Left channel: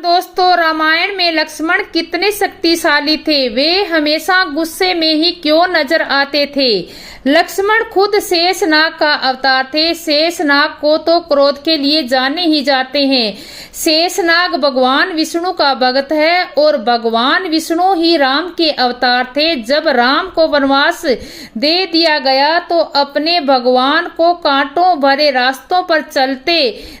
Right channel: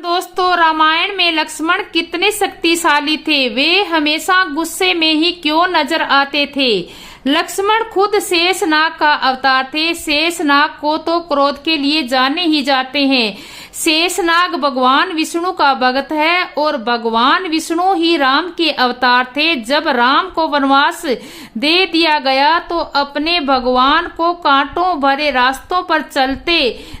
दोस्तों, रामायण में लक्ष्मण कितने शक्तिशाली थे। वे हमेशा गुस्से में ही क्यों नजर आते थे। लक्ष्मण खुद शेषनाग का अवतार थे। शेषनाग को तो क्रोध के लिए जाने ही जाते हैं। शेषनाग भगवान विष्णु का भक्त है और भगवान विष्णु ही राम के अवतार थे। जब राम को वनवास दे दिया गया तो अपने भगवान को कांटों भरे रास्तों पर चलते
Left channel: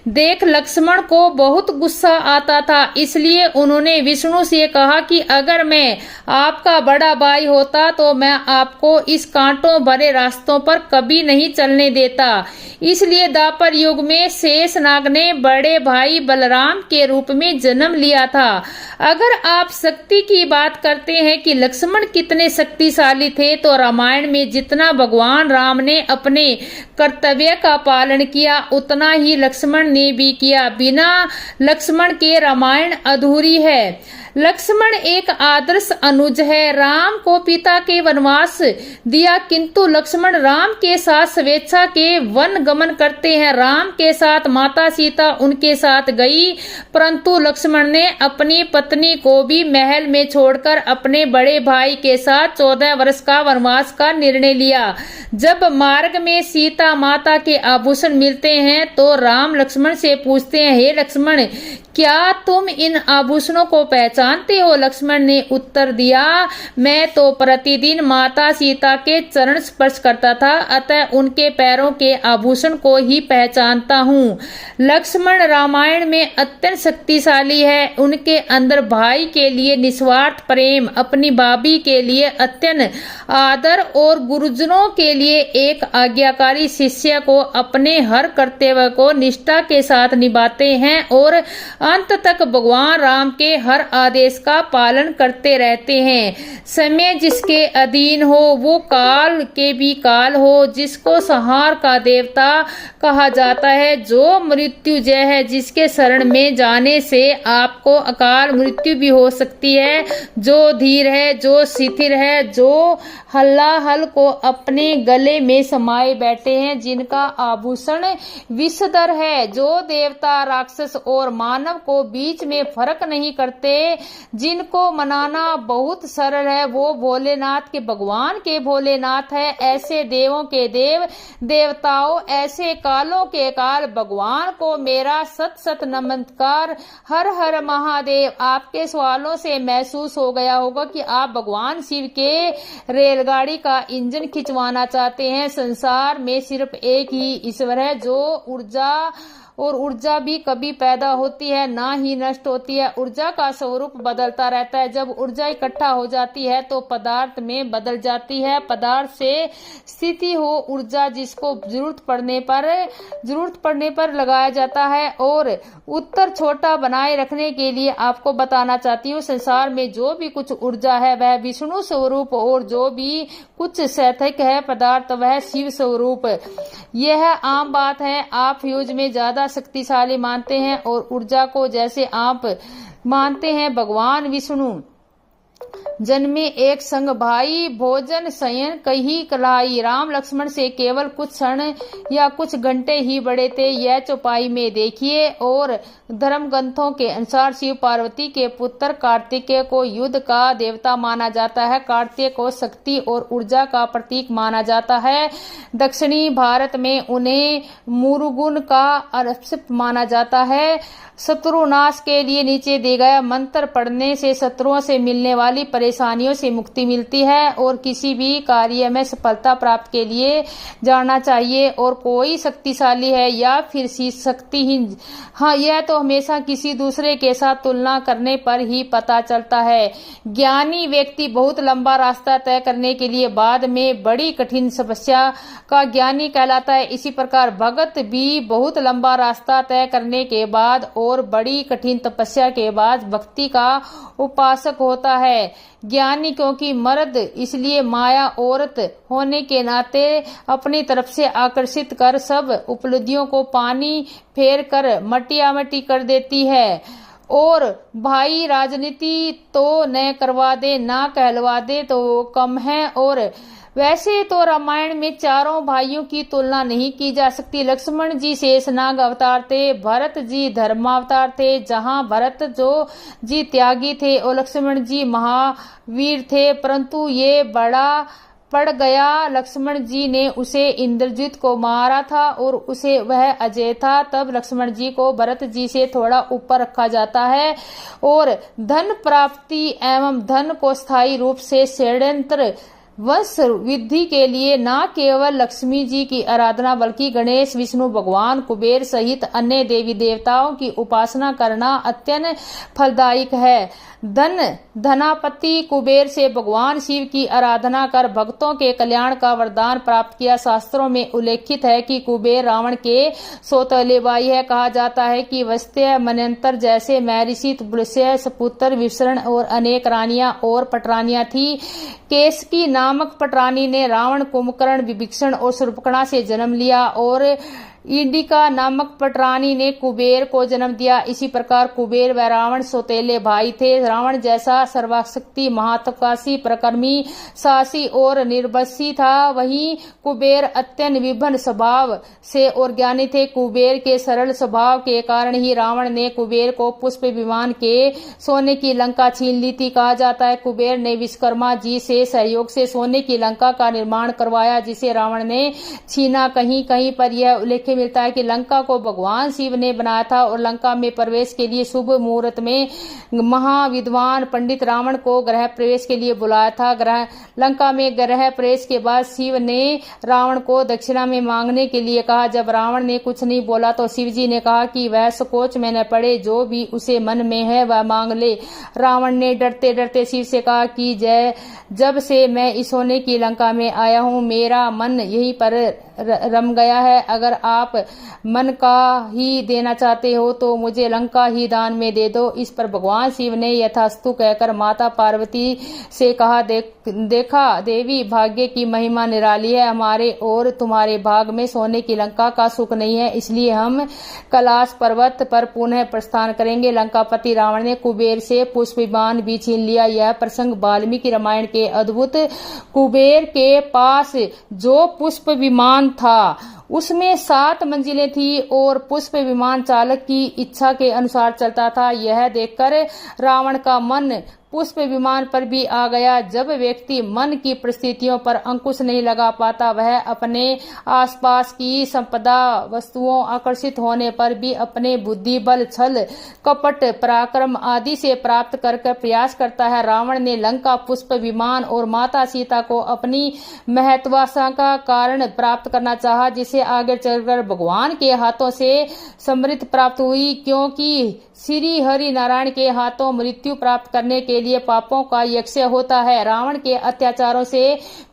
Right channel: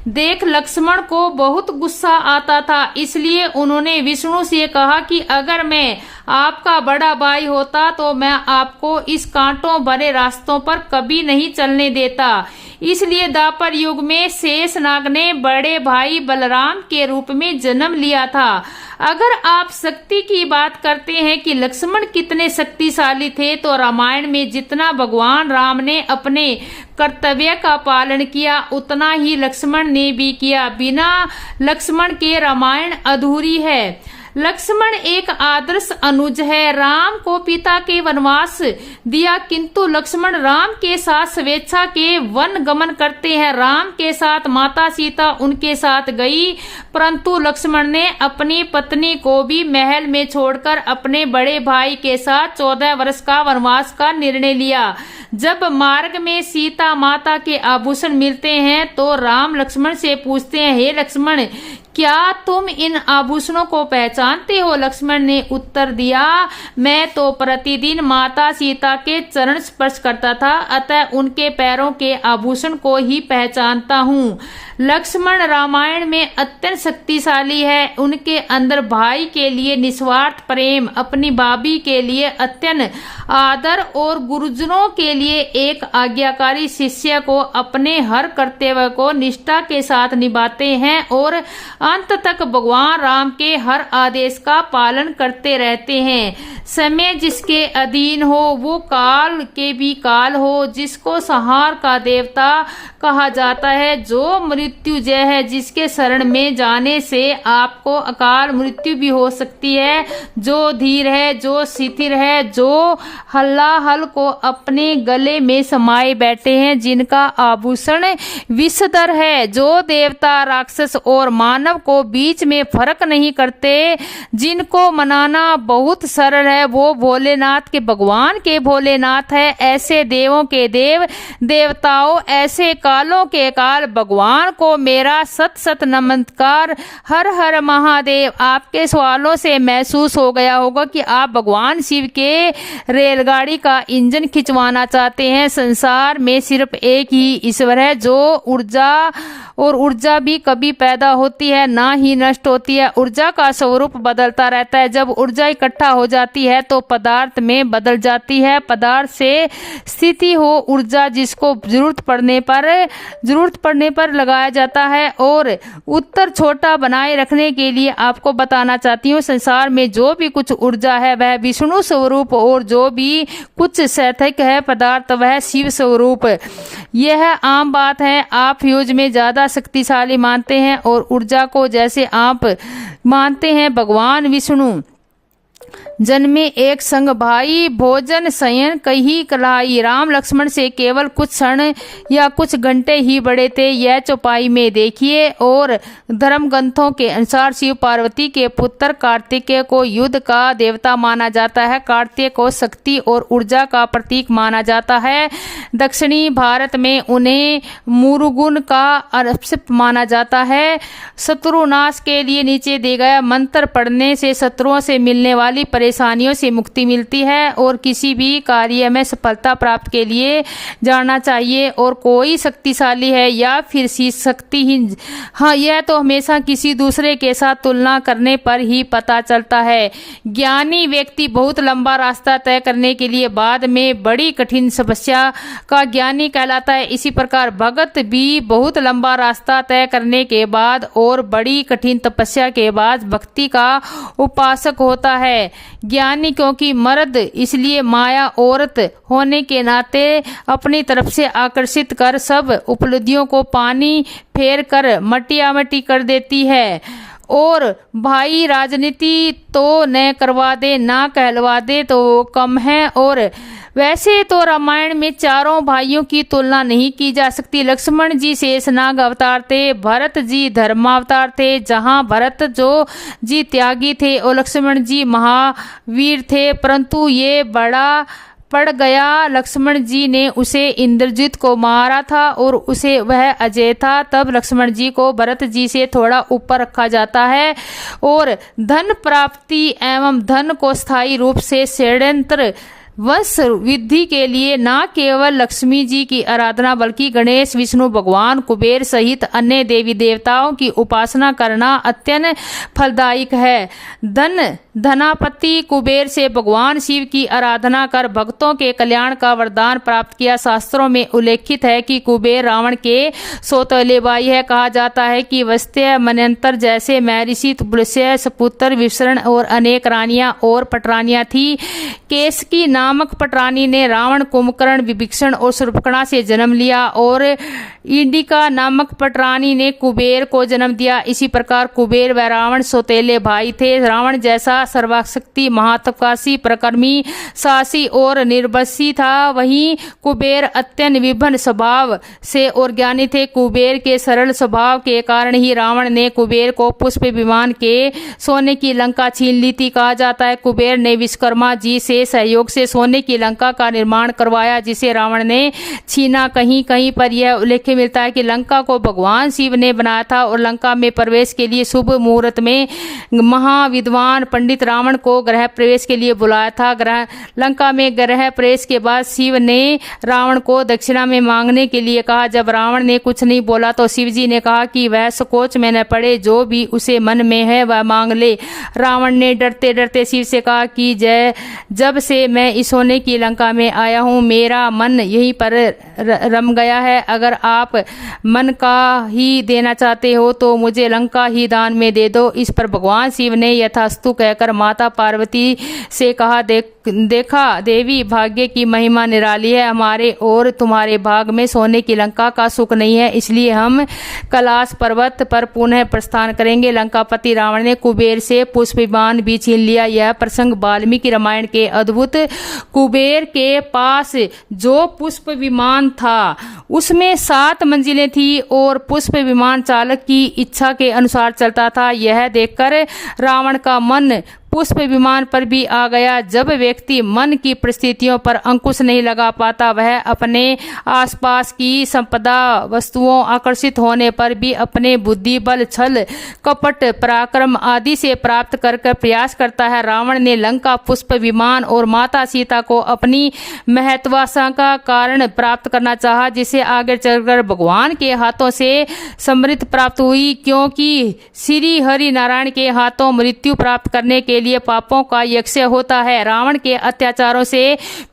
देख लक्ष्मण को बहुत गुस्सा आता था। इसलिए उन्होंने विष्णु से कहा कि अगर मैं आपका बड़ा भाई होता तो मैं आपको इस कांटों भरे रास्तों पर कभी नहीं चलने देता। इसलिए द्वापर युग में शेषनाग ने बड़े भाई बलराम के रूप में जन्म लिया था। अगर आप शक्ति की बात करते हैं कि लक्ष्मण कितने शक्तिशाली थे, तो रामायण में जितना भगवान राम ने अपने कर्तव्य का पालन किया उतना ही लक्ष्मण ने भी किया। बिना लक्ष्मण के रामायण अधूरी है। लक्ष्मण एक आदर्श अनुज है। राम को पिता के वनवास दिया, किंतु लक्ष्मण राम के साथ स्वेच्छा के वन गमन करते हैं। राम के साथ माता सीता उनके साथ गई, परंतु लक्ष्मण ने अपनी पत्नी को भी महल में छोड़कर अपने बड़े भाई के साथ 14 वर्ष का वनवास का निर्णय लिया। जब मार्ग में सीता माता के आभूषण मिलते हैं तो राम लक्ष्मण से पूछते हैं, हे लक्ष्मण, क्या तुम इन आभूषणों को पहचानते हो? लक्ष्मण ने उत्तर दिया, मैं तो प्रतिदिन माता सीता के चरण स्पर्श करता था, अतः उनके पैरों के आभूषण को ही पहचानता हूँ। लक्ष्मण रामायण में अत्यंत शक्तिशाली है। उनके अंदर भाई के लिए निस्वार्थ प्रेम, अपनी भाभी के लिए अत्यंत आदर और गुरुजनों के लिए एक आज्ञाकारी शिष्य को अपने हर कर्तव्य को निष्ठा के साथ निभाते हैं और अंत तक भगवान राम के हर आदेश का पालन करते रहते हैं। समय जिसके अधीन हो वो काल के भी काल हो, जिसको संहार का देवता कहा जाता है, जो मृत्युजय है, जिसके शरण में जाने से आपको अकाल मृत्यु भी हो सकती है, जो धीर है, जो शिथिर है, जो हल्लाहल को अपने गले में समाये बैठे हैं, जिनका आभूषण विषधर है, जो देवता राक्षस और मानव को बीच में फर्क नहीं करते, जिनको मनाना बहुत सरल है, वो भोलेनाथ के भगवान के भोलेनाथ है। ऐसे देवों के देव देवताओं, ऐसे कालों के काल, भगवान को मेरा सत सत नमस्कार। हर हर महादेव। आपके सवालों से महसूस हो गया होगा कि आप भगवान शिव के रेलगाड़ी का इंजन खिंचवाना चाहते हैं। संसार में सिर्फ एक ही ईश्वर है, जो ऊर्जा भी कभी पैदा होती है ना ही नष्ट होती है। ऊर्जा का स्वरूप बदलता रहता है। जब ऊर्जा इकट्ठा हो जाती है तो पदार्थ में बदल जाती है। पदार्थ से स्थिति हो ऊर्जा, जिसको जरूरत पड़ने पर लगाया जाता है। और उत्तर छोटा बनाए रखने के लिए आपको बताना चाहती हूँ, संसार में जो भी कुछ ऊर्जा है वह विष्णु स्वरूप, और जो भी कुछ स्थैतिक है पदार्थ वह शिव स्वरूप। यह आम बात है। आप फ्यूज में ज्यादा शक्तिशाली मानते हैं और ऊर्जा को जैसे आप मानते हैं भगवान विष्णु। जन्मे एक संग भाई, भोजन शयन कही कलाई। राम लक्ष्मण से केवल कुछ क्षण या कुछ घंटे ही बड़े थे, यह चौपाई में देखिए। और धर्म ग्रंथों के अनुसार शिव पार्वती के पुत्र कार्तिकेय को युद्ध का देवता माना जाता है। कार्तिकेय को शक्ति और ऊर्जा का प्रतीक माना जाता है। दक्षिणी भारत में उन्हें मुरुगन का अवसर माना जाता है। शत्रुनाश के लिए नीचे दिए गए मंत्र पढ़ने से शत्रुओं से मिलने वाली परेशानियों से मुक्ति मिलती है और किसी भी कार्य में सफलता प्राप्त के लिए जानना चाहिए। और कोई शक्तिशाली है या फिर शक्तिहीन, हाँ, यह तो हमेशा किसी दूसरे के साथ तुलना करने पर ही पता चलता है। ज्ञानी व्यक्ति बहुत लंबा रास्ता तय करने के लिए बाद में बड़ी कठिन समस्या का ज्ञानी कहलाता है। इसी प्रकार भगत भी बहुत लंबा रास्ता तय करने के बाद और बड़ी कठिन तपस्या के बाद भक्ति का उपासक होता है। ज्ञानी क्योंकि मर्द, इसलिए माया औरत होने के नाते अपनी तरफ से आकर्षित कर सब उपलब्धियों को पानी फेर कर मटिया मटी कर देती है और भाई राजनीति तो न करवा दे ना कहलवा दे तो वो कम है। और वैसे तो रामायण में चारों भाइयों की तुलना नहीं की जा सकती। लक्ष्मण जी शेषनाग अवतार थे, भरत जी धर्मावतार थे। जहां भरत जो जी त्यागी थे और लक्ष्मण जी महावीर थे, परंतु ये बड़ा पड़ गया। लक्ष्मण जी ने उसे इंद्रजित को मारा था और उसे वह अजय था। तब लक्ष्मण जी को भरत जी से थोड़ा ऊपर रखा जाता है। और धन प्राप्ति एवं धन को स्थायी रूप से षड्यंत्र वंश वृद्धि के लिए न केवल लक्ष्मी जी की आराधना बल्कि गणेश, विष्णु भगवान, कुबेर सहित अन्य देवी देवताओं की उपासना करना अत्यंत फलदायक है। धनापति कुबेर से भगवान शिव की आराधना कर भक्तों के कल्याण का वरदान प्राप्त किया। शास्त्रों में उल्लेखित है कि कुबेर रावण के सौतेले भाई है। कहा जाता है कि वस्त्य मनंतर जैसे महर्षि पुलस्त्य, सपुत्र, विसरण और अनेक रानियां और पटरानियां थी। केसकी नामक पटरानी ने रावण, कुंभकर्ण, विभीषण और शूर्पणखा से जन्म लिया और इंडिका नामक पटरानी ने कुबेर को जन्म दिया। इसी प्रकार कुबेर व रावण सौतेले भाई थे। रावण जैसा सर्वशक्ति, महत्वाकांक्षी, प्रकर्मी, साहसी और निर्बसी था, वहीं कुबेर अत्यंत विभिन्न स्वभाव से और ज्ञानी थे। कुबेर के सरल स्वभाव के कारण ही रावण ने कुबेर को पुष्प विमान के सोने की लंका छीन ली थी। कहा जाता है कुबेर ने विश्वकर्मा जी से सहयोग से सोने की लंका का निर्माण करवाया, जिसे रावण ने छीना। कहीं कहीं पर यह उल्लेख मिलता है कि लंका को भगवान शिव ने बनाया था और लंका में प्रवेश के लिए शुभ मुहूर्त में महाविद्वान पंडित रावण को गृह प्रवेश के लिए बुलाया था। लंका में गृह प्रवेश के बाद शिव ने रावण को दक्षिणा में मांगने के लिए कहा। जब रावण ने कुछ नहीं बोला तो शिव जी ने कहा कि वह संकोच में न पड़े, जो भी उसे मन में है वह मांग ले। रावण ने डरते डरते शिव से कहा कि जब से मैं इस सोने की लंका में आया हूँ, मेरा मन यहीं पर रम गया है। अगर आप मन का ही देना चाहते हो तो मुझे लंका ही दान में दे दो। इस पर भगवान शिव ने यथास्तु कहकर माता पार्वती से कहा, देखा देवी, भाग्य की महिमा निराली है। हमारे और तुम्हारे भाग में सोने की लंका का सुख नहीं है, इसलिए हम कैलाश पर्वत पर पुनः प्रस्थान करेंगे। लंकापति रावण ने कुबेर से पुष्प विमान भी छीन लिया। यह प्रसंग वाल्मीकि रामायण के अद्भुत। कुबेर के पास जो पुष्प विमान था उसमें 7 मंजिलें थी और पुष्प विमान चालक की इच्छा के अनुसार चलता था। यह देखकर रावण का मन पुष्प विमान पर भी आ गया। जब व्यक्ति मन की परिस्थितियों पर अंकुश नहीं लगा पाता, वह अपने आसपास की संपदा वस्तुओं आकर्षित होने पर भी अपने बुद्धि बल, छल कपट, पराक्रम आदि से प्राप्त कर प्रयास करता है। रावण ने लंका, पुष्प विमान और माता सीता को अपनी महत्वाकांक्षा का कारण प्राप्त करना चाहा, जिसे आगे चलकर भगवान के हाथों से समृद्धि प्राप्त हुई। क्योंकि श्री हरि नारायण के हाथों मृत्यु प्राप्त करने के लिए पापों का यक्षय होता है। रावण के अत्याचारों से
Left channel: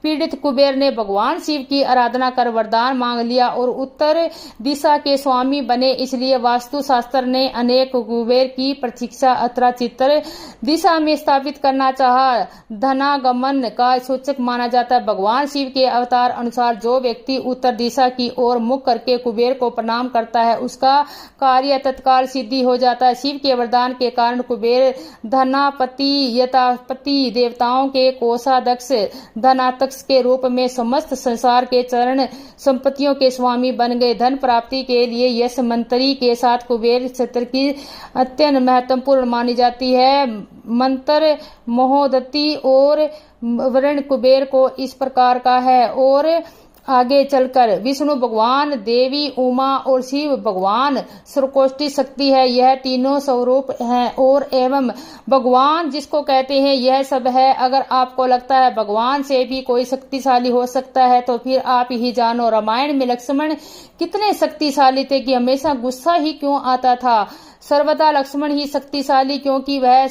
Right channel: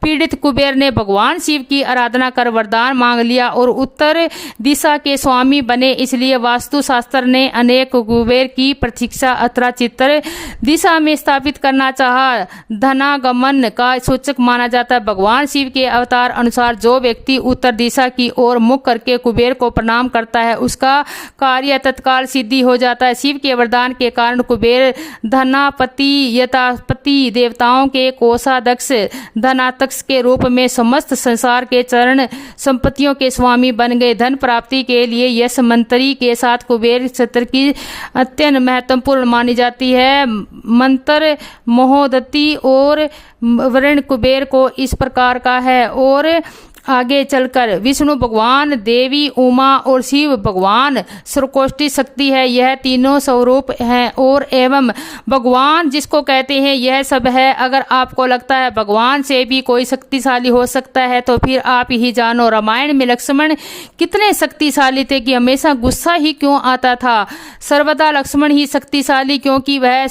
पीड़ित कुबेर ने भगवान शिव की आराधना कर वरदान मांग लिया और उत्तर दिशा के स्वामी बने। इसलिए वास्तु शास्त्र ने अनेक कुबेर की प्रतीक्षा अथवा चित्र दिशा में स्थापित करना चाहा। धनागमन का सूचक माना जाता है। भगवान शिव के अवतार अनुसार जो व्यक्ति उत्तर दिशा की ओर मुख करके कुबेर को प्रणाम करता है, उसका कार्य तत्काल सिद्धि हो जाता है। शिव के वरदान के कारण कुबेर धनापति, यथापति, देवताओं के कोषाध्यक्ष, धनाध्यक्ष के रूप में समस्त संसार के चरण संपत्तियों के स्वामी बन गए। धन प्राप्ति के लिए यश मंत्री के साथ कुबेर क्षेत्र की अत्यंत महत्वपूर्ण मानी जाती है। मंत्र महोदती और वर्ण कुबेर को इस प्रकार का है। और आगे चलकर विष्णु भगवान, देवी उमा और शिव भगवान सर्वकोटि शक्ति है। यह तीनों स्वरूप हैं और एवं भगवान जिसको कहते हैं यह सब है। अगर आपको लगता है भगवान से भी कोई शक्तिशाली हो सकता है तो फिर आप ही जानो रामायण में लक्ष्मण कितने शक्तिशाली थे कि हमेशा गुस्सा ही क्यों आता था। सर्वदा लक्ष्मण ही शक्तिशाली, क्योंकि वह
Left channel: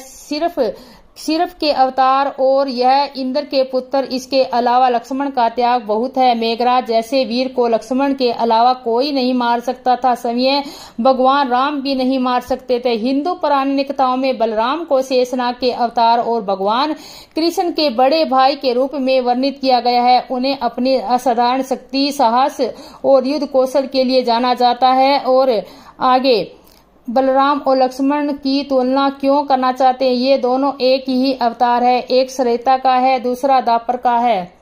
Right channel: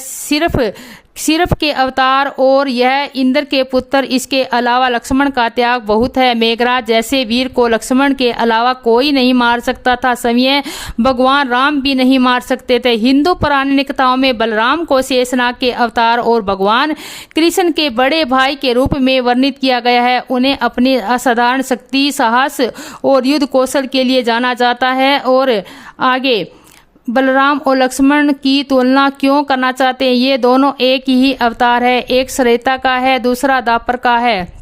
सिर्फ के अवतार और यह इंद्र के पुत्र। इसके अलावा लक्ष्मण का त्याग बहुत है। मेघराज जैसे वीर को लक्ष्मण के अलावा कोई नहीं मार सकता था। स्वयं भगवान राम भी नहीं मार सकते थे। हिंदू पौराणिक कथाओं में बलराम को शेषनाग के अवतार और भगवान कृष्ण के बड़े भाई के रूप में वर्णित किया गया है। उन्हें अपनी असाधारण शक्ति, साहस और युद्ध कौशल के लिए जाना जाता है। और आगे बलराम और लक्ष्मण की तुलना क्यों करना चाहते हैं? ये दोनों एक ही अवतार है, एक त्रेता का है, दूसरा द्वापर का है।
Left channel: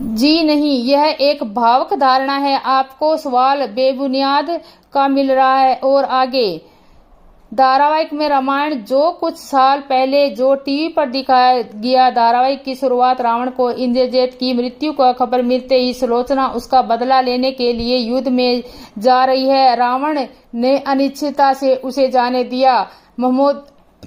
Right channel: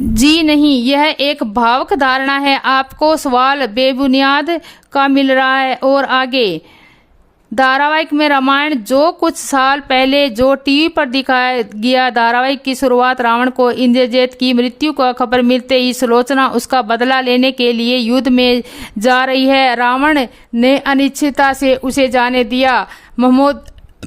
जी नहीं, यह एक भावुक धारणा है। आपको सवाल बेबुनियाद का मिल रहा है। और आगे धारावाहिक में रामायण जो कुछ साल पहले जो टीवी पर दिखाया गया, धारावाहिक की शुरुआत रावण को इंद्रजित की मृत्यु का खबर मिलते ही सुलोचना उसका बदला लेने के लिए युद्ध में जा रही है। रावण ने अनिश्चितता से उसे जाने दिया।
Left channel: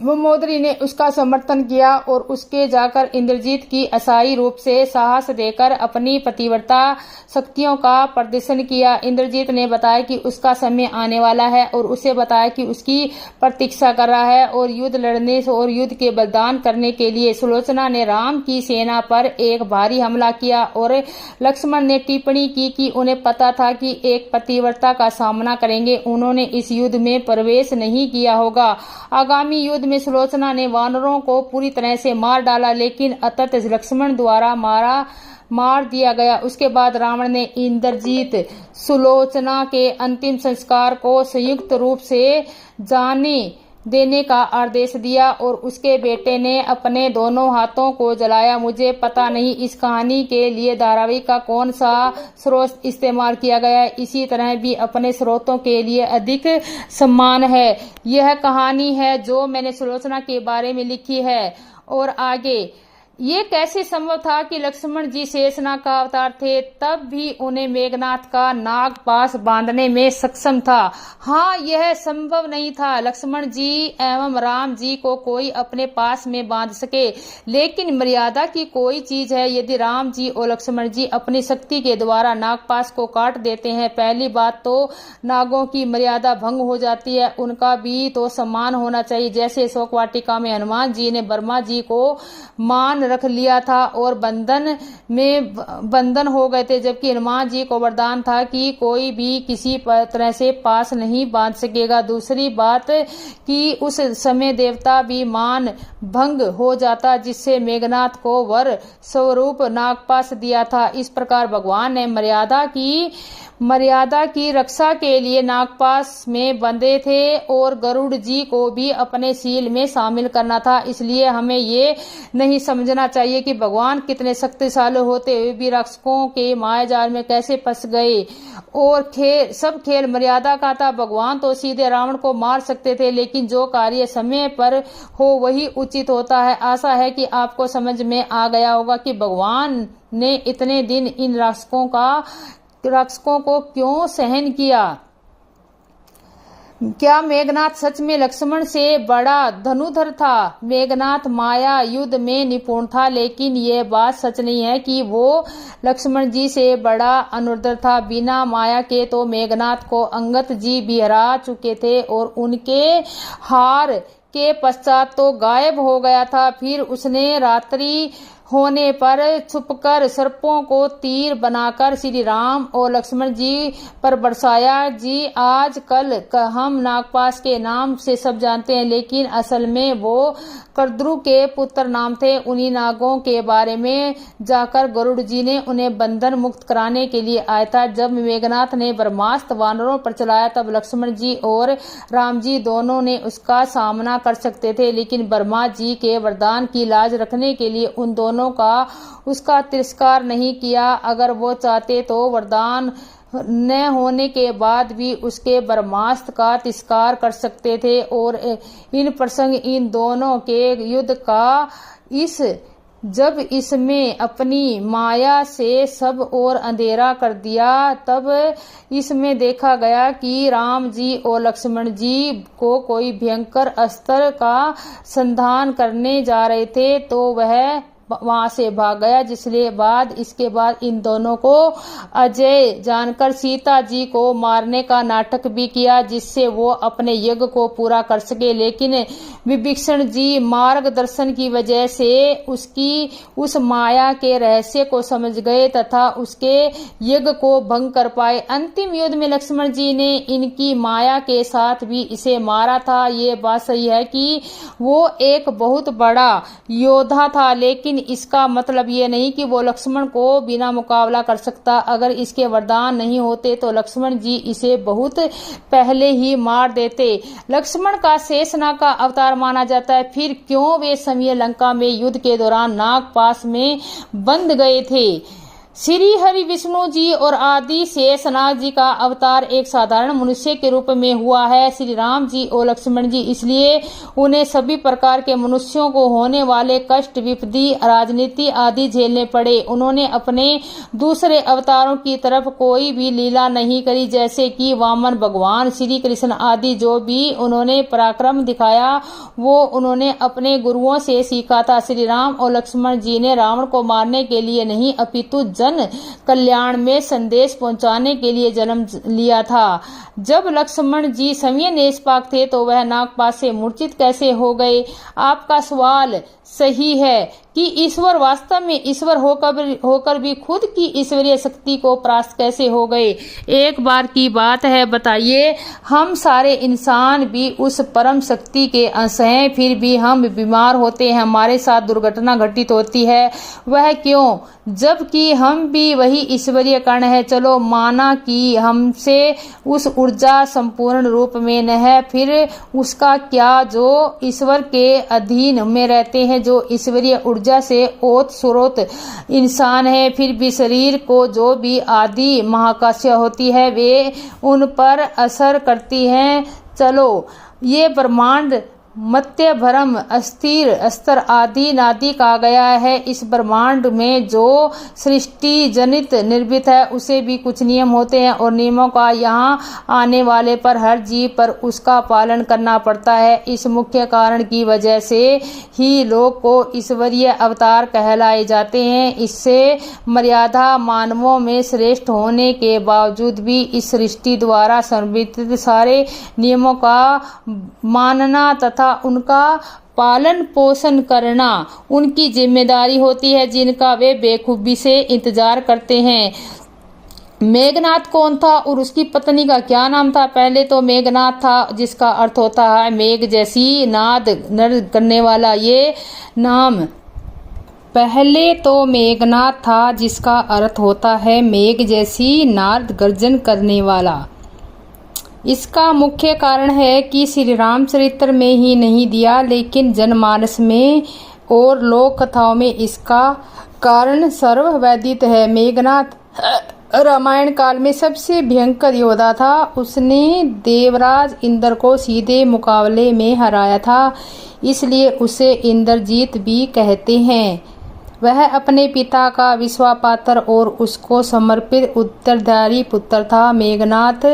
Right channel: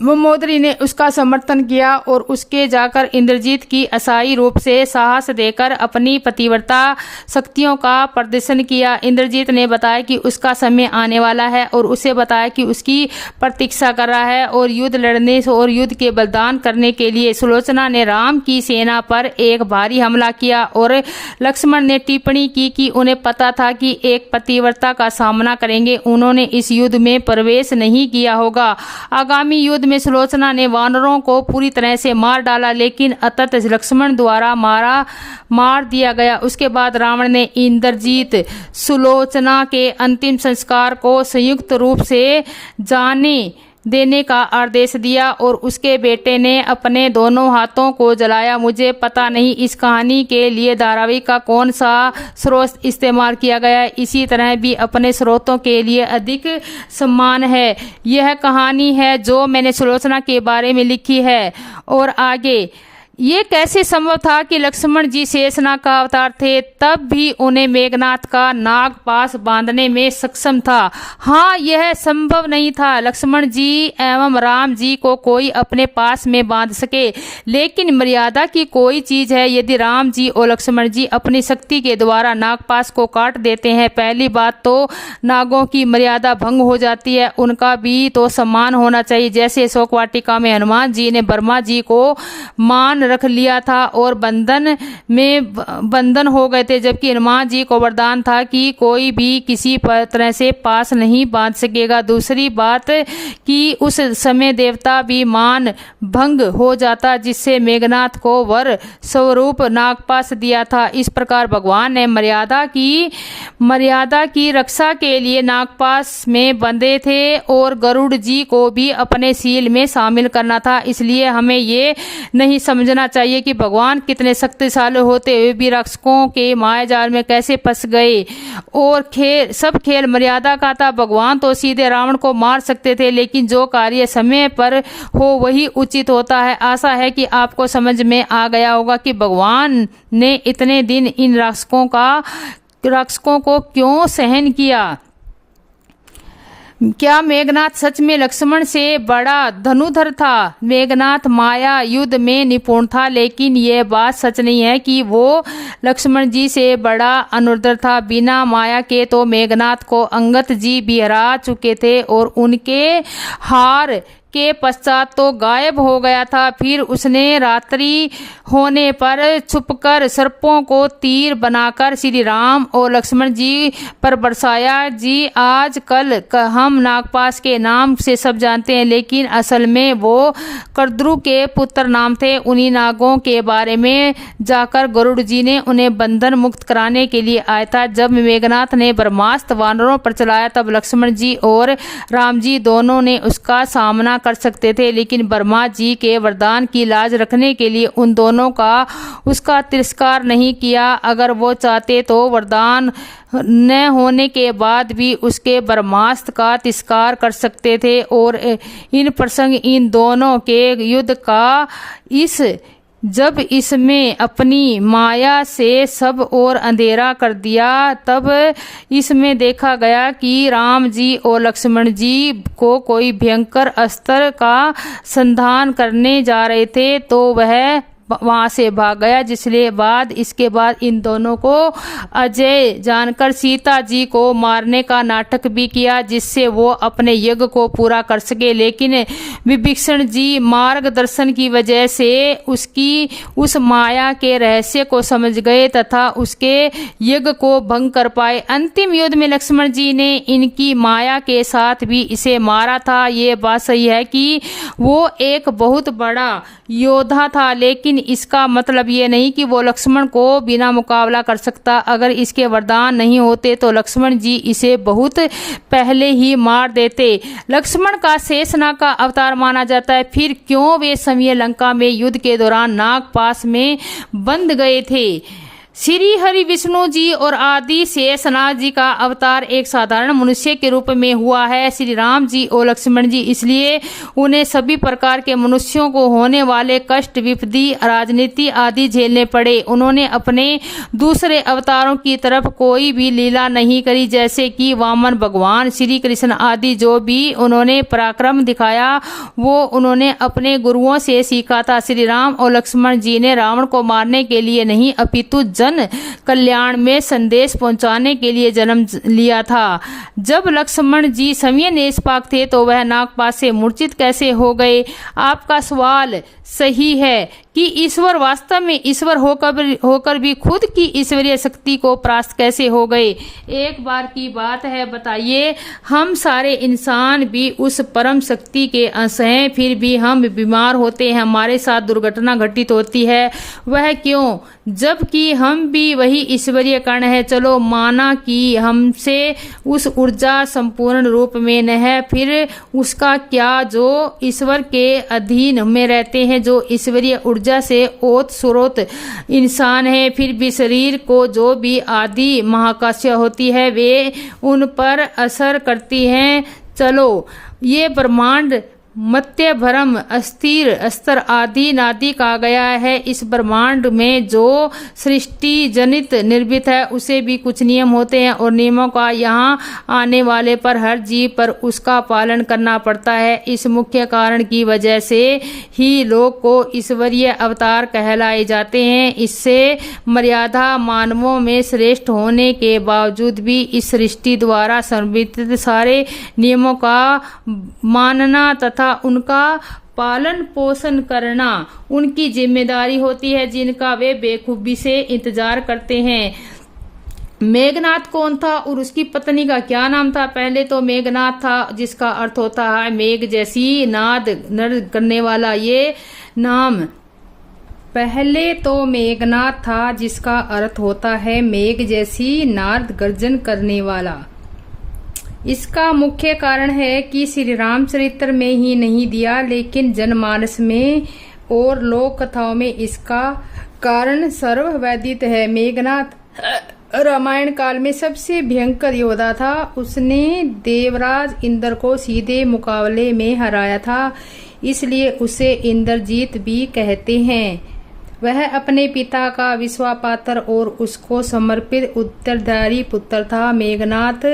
मंदोदरी ने उसका समर्थन किया और उसके जाकर इंद्रजीत की असाई रूप से साहस देकर अपनी पतिव्रता शक्तियों का प्रदर्शन किया। इंद्रजीत ने बताया कि उसका समय आने वाला है और उसे बताया कि उसकी प्रतीक्षा कर रहा है और युद्ध लड़ने और युद्ध के बलिदान करने के लिए सुलोचना ने राम की सेना पर एक भारी हमला किया। और लक्ष्मण ने टिप्पणी की कि उन्हें पता था कि एक पतिव्रता का सामना करेंगे। उन्होंने इस युद्ध में प्रवेश नहीं किया होगा। आगामी युद्ध में सुलोचना ने वानरों को पूरी तरह से मार डाला, लेकिन अंततः लक्ष्मण द्वारा मार दिया गया। उसके बाद रावण ने इंद्रजीत सुलोचना के अंतिम संस्कार को संयुक्त रूप से जाने देने का आदेश दिया और उसके बेटे ने अपने दोनों हाथों को जलाया। मुझे पता नहीं इस कहानी के लिए धारावाहिक का कौन सा स्रोत इस्तेमाल किया गया है। इसी तरह भी अपने स्रोतों के लिए अधिक सम्मान है। यह कहानी है जो मैंने सुलोचना के बारे में लिखी है। और आगे ये कैसे संभव था कि लक्ष्मण जी शेषनाग का अवतार थे, तब भी उन्हें मेघनाथ का नाग पास बांधने में सक्षम था? हाँ, यह संभव नहीं था। लक्ष्मण जी एवं राम जी को कोई अपने पास में बांध सके, लेकिन मर्यादा की कोई चीज है। यदि राम जी और लक्ष्मण जी अपनी शक्ति के द्वारा नागपाश को काट देते हैं, पहली बात तो नागों की मर्यादा भंग हो जाती है। उनका भी तो सम्मान होना चाहिए। जैसे शोक वाटिका में हनुमान जी ने ब्रह्मा जी को मान रख लिया था और बंधन हो गए थे, जबकि हनुमान जी को वरदान था कि कोई भी किसी तरह से पास नहीं बांध सकेगा। दूसरी बात कि उस समय देवता भी मान भंग हो जाता, जिससे मेघनाथ को वर स्वरूप नागपाश दिया था। इस प्रकार भगवान ने मर्यादा की रक्षा के लिए नागपाश में बंधे थे और गरुड़ जी को भी अपने शील में शामिल करना था। इसलिए हमें ये नहीं समझना चाहिए कि भगवान कितने शक्तिशाली होते हुए भी रक्षकों के मायाजाल में कैसे फंस गए। और सब खेल मर्यादा का था। भगवान तो सीधे रावण को मार सकते थे, लेकिन जो कार्य समय पर हो वही उचित होता है। आशा है कि आपको समझ में आ गया होगा कि भगवान ने इतने दिन इन रक्षकों को क्यों सहन किया। क्या मेघनाथ सच में लक्ष्मण से बड़ा धनुधर था? मेघनाथ माया युद्ध में निपुण था, लेकिन यह बात सच नहीं है कि वो लक्ष्मण जी से बड़ा अनुधर था। बिना माया के तो मेघनाथ को अंगद जी भी हरा चुके थे और उनके हार के पश्चात तो गायब हो गया था। फिर उसने रात्रि होने पर छुपकर सर्पों को तीर बनाकर श्री राम और लक्ष्मण जी पर बरसाया। जी आज कल हम नागपाश के नाम से सब जानते हैं, लेकिन असल में वो कर्दृ के पुत्र नाम थे। उन्हीं नागों के बारे में जाकर गरुड़ जी ने उन्हें बंधन मुक्त कराने के लिए आया था। जब मेघनाथ ने ब्रह्मास्त्र वानरों पर चलाया, तब लक्ष्मण जी और राम जी दोनों ने उसका सामना कर सकते थे, लेकिन ब्रह्मा जी के वरदान की लाज रखने के लिए उन दोनों का उसका तिरस्कार नहीं किया। अगर वो चाहते तो वरदान न होने के बाद भी उसके ब्रह्मास्त्र का तिरस्कार कर सकते थे। और इन प्रसंग इन दोनों के युद्ध का जब इसमें अपनी माया से सब और अंधेरा कर दिया, तब इसमें देखा गया कि राम जी और लक्ष्मण जी को कोई भयंकर अस्त्र का संधान करने जा रहे थे, तो वह वहां से भाग गया। इसके बाद इन दोनों को अजय जानकर सीता जी को मारने का नाटक भी किया, जिससे वो अपने यज्ञ को पूरा कर सके। लेकिन विभीषण जी मार्गदर्शन की वजह से उसकी उस माया के रहस्य को समझ गए तथा उसके यज्ञ को भंग कर पाए। अंतिम युद्ध में लक्ष्मण जी ने इनकी माया के साथ भी इसे मारा था। ये बात सही है कि वो एक बहुत बड़ा योद्धा था, लेकिन इसका मतलब ये नहीं कि वो लक्ष्मण को बिना मुकाबला कर सकता। अगर इसके वरदान नहीं होते तो लक्ष्मण जी इसे बहुत पहले ही मार देते। लक्ष्मण का शेषनाग का अवतार माना जाता है, फिर क्यों वे स्वयं लंका में युद्ध के दौरान नागपाश में बंद गए थे। श्री हरि विष्णु जी और आदि शेषनाग जी का अवतार एक साधारण मनुष्य के रूप में हुआ है। श्री राम जी और लक्ष्मण जी इसलिए उन्हें सभी प्रकार के मनुष्यों को होने वाले कष्ट, विपत्ति, राजनीति आदि झेलने पड़े। उन्होंने अपने दूसरे अवतारों की तरफ कोई भी लीला नहीं करी, जैसे कि वामन भगवान, श्री कृष्ण आदि। जो भी उन्होंने पराक्रम दिखाया वो उन्होंने अपने गुरुओं से सीखा था। श्री राम और लक्ष्मण जी ने रावण को मारने के लिए नहीं अपितु जन कल्याण में संदेश पहुंचाने के लिए जन्म लिया था। जब लक्ष्मण जी स्वयं निष्पाप थे तो वह नागपाश से मूर्छित कैसे हो गए? आपका सवाल सही है कि ईश्वर वास्तव में ईश्वर होकर भी खुद की ईश्वरीय शक्ति को प्राप्त कैसे हो गए? एक बार की बात है, बताइए। हम सारे इंसान भी उस परम शक्ति के अंश हैं, फिर भी हम बीमार होते हैं, हमारे साथ दुर्घटना घटित होती है। वह क्यों? जबकि हम भी वही ईश्वरीय कण है। चलो माना कि हमसे उस ऊर्जा संपूर्ण रूप में न है, फिर उसका क्या जो ईश्वर के अधीन में रहते हैं, जो ईश्वरीय ऊर्जा से ओत स्रोत इंसान है, फिर भी शरीर को जो भी आदि महाकाश होती है वे उन पर असर करती हैं। चलो ये ब्रह्मांड मत्य भ्रम अस्थिर अस्तर आदि नादि कहा गया है। इस ब्रह्मांड में जो सृष्टि जनित निर्मित है उसे भी कुछ नियम होते हैं और नियमों का यहाँ आने वाले पर हर जीव पर उसका पालन करना पड़ता है। इस मुख्य कारण की वजह से ही लोग को ईश्वरीय अवतार कहलाए जाते हैं। इससे मर्यादा मानवों में श्रेष्ठ होने के बावजूद भी इस सृष्टि द्वारा संविधित सारे नियमों का मानना तथा उनका पालन पोषण करना उनकी जिम्मेदारी होती है, जिनका वे बेखूबी से इंतजार करते हैं। मेघनाथ कौन था और उसकी पत्नी का क्या नाम था? पहले तो मेघनाथ था, जिसका अर्थ होता है मेघ जैसी नाद नर करने वाला। ये नाम पहले तो मेघनाथ था जिसका अर्थ होता है मेघ जैसी नाद गर्जन करने वाला। इसका मुख्य कारण है कि श्री रामचरित्र में ही नहीं दिया, लेकिन जनमानस में और लोक कथाओं में इसका कारण सर्ववैदित है। मेघनाथ रामायण काल में सबसे भयंकर योद्धा था। उसने देवराज इंद्र को सीधे मुकाबले में हराया था, इसलिए उसे इंद्रजीत भी कहते हैं। वह अपने पिता का विश्वापात्र और उसको समर्पित उत्तरधारी पुत्र था। मेघनाथ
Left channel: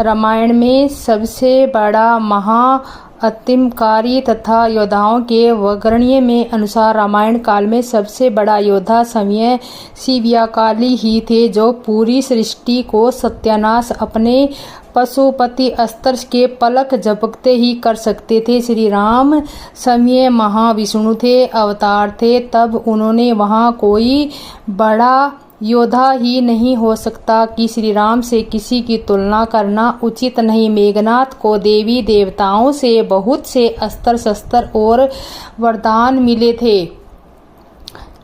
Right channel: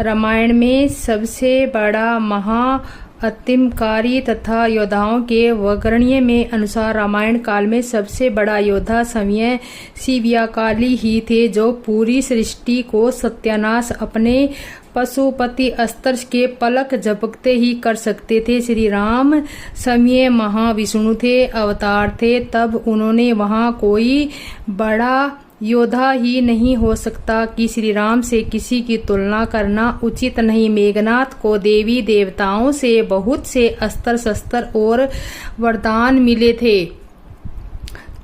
रामायण में सबसे बड़ा महाअतिमकारी तथा योद्धाओं के वर्णन में अनुसार रामायण काल में सबसे बड़ा योद्धा स्वयं शिवयाकाली ही थे, जो पूरी सृष्टि को सत्यानाश अपने पशुपति अस्त्र के पलक झपकते ही कर सकते थे। श्री राम स्वयं महाविष्णु थे, अवतार थे, तब उन्होंने वहाँ कोई बड़ा योद्धा ही नहीं हो सकता कि श्री राम से किसी की तुलना करना उचित नहीं। मेघनाथ को देवी देवताओं से बहुत से अस्त्र शस्त्र और वरदान मिले थे,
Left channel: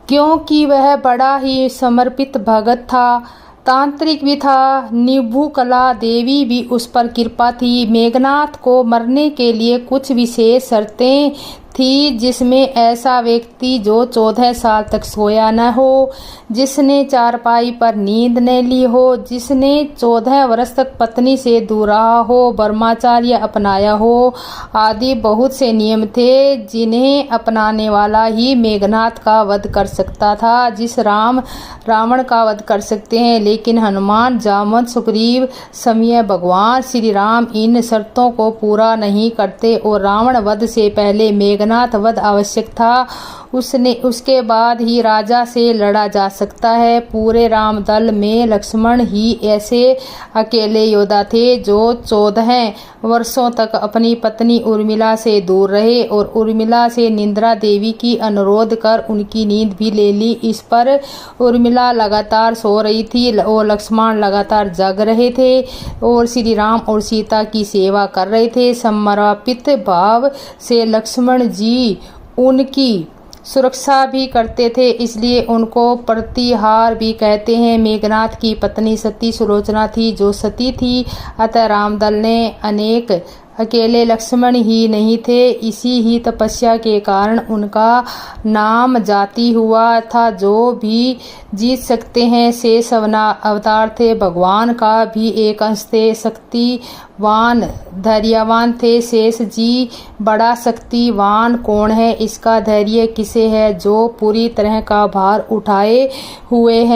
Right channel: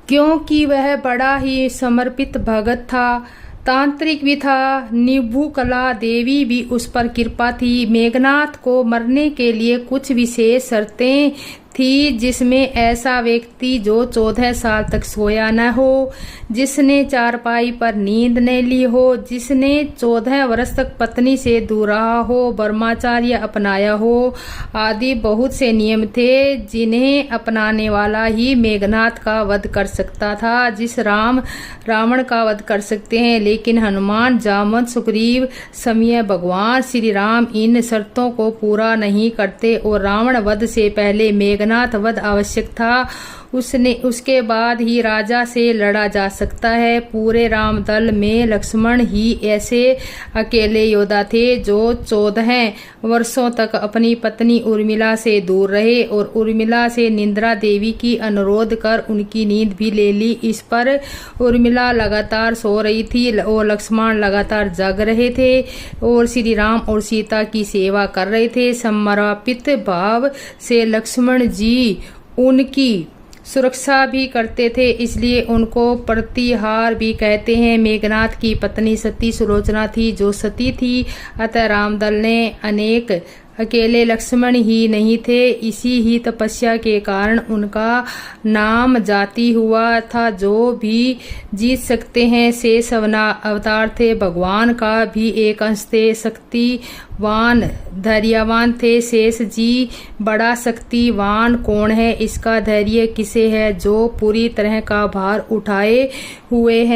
क्योंकि वह बड़ा ही समर्पित भगत था, तांत्रिक भी था। निभु कला देवी भी उस पर कृपा थी। मेघनाथ को मरने के लिए कुछ विशेष शर्तें थी, जिसमें ऐसा व्यक्ति जो 14 साल तक सोया न हो, जिसने चारपाई पर नींद न ली हो, जिसने 14 वर्ष तक पत्नी से दूर रहा हो, ब्रह्मचार्य अपनाया हो आदि बहुत से नियम थे, जिन्हें अपनाने वाला ही मेघनाथ का वध कर सकता था। जिस रावण का वध कर सकते हैं, लेकिन हनुमान, जामवंत, सुग्रीव, समय भगवान श्री राम इन शर्तों को पूरा नहीं करते और रावण वध से पहले मेघनाथ वध आवश्यक था। उसके बाद ही राजा से लड़ा जा सकता है। पूरे राम दल में लक्ष्मण ही ऐसे अकेले योद्धा थे जो 14 वर्षों तक अपनी पत्नी उर्मिला से दूर रहे और उर्मिला से निंद्रा देवी की अनुरोध कर उनकी नींद भी ले ली। इस पर उर्मिला लगातार सो रही थी और लक्ष्मण लगातार जग रहे थे और श्री राम और सीता की सेवा कर रहे थे। समर्पित भाव से लक्ष्मण जी उनकी सुरक्षा भी करते थे, इसलिए उनको प्रतिहार भी कहते हैं। मेघनाथ की पत्नी सती सुलोचना थी, जो सती थी। अतः रामदल ने अनेक अकेले लक्ष्मण ही नहीं थे, इसी ही तपस्या के कारण उनका नाम जाति हुआ था। जो भी जीत सकते हैं शेष अवतार थे, भगवान का भी एक अंश थे। शक्तिवान धैर्यवान थे। शेष जी बड़ा शक्तिवान कौन है? इसका धैर्य किसे है? जो पूरी तरह का भार उठाए हुए है।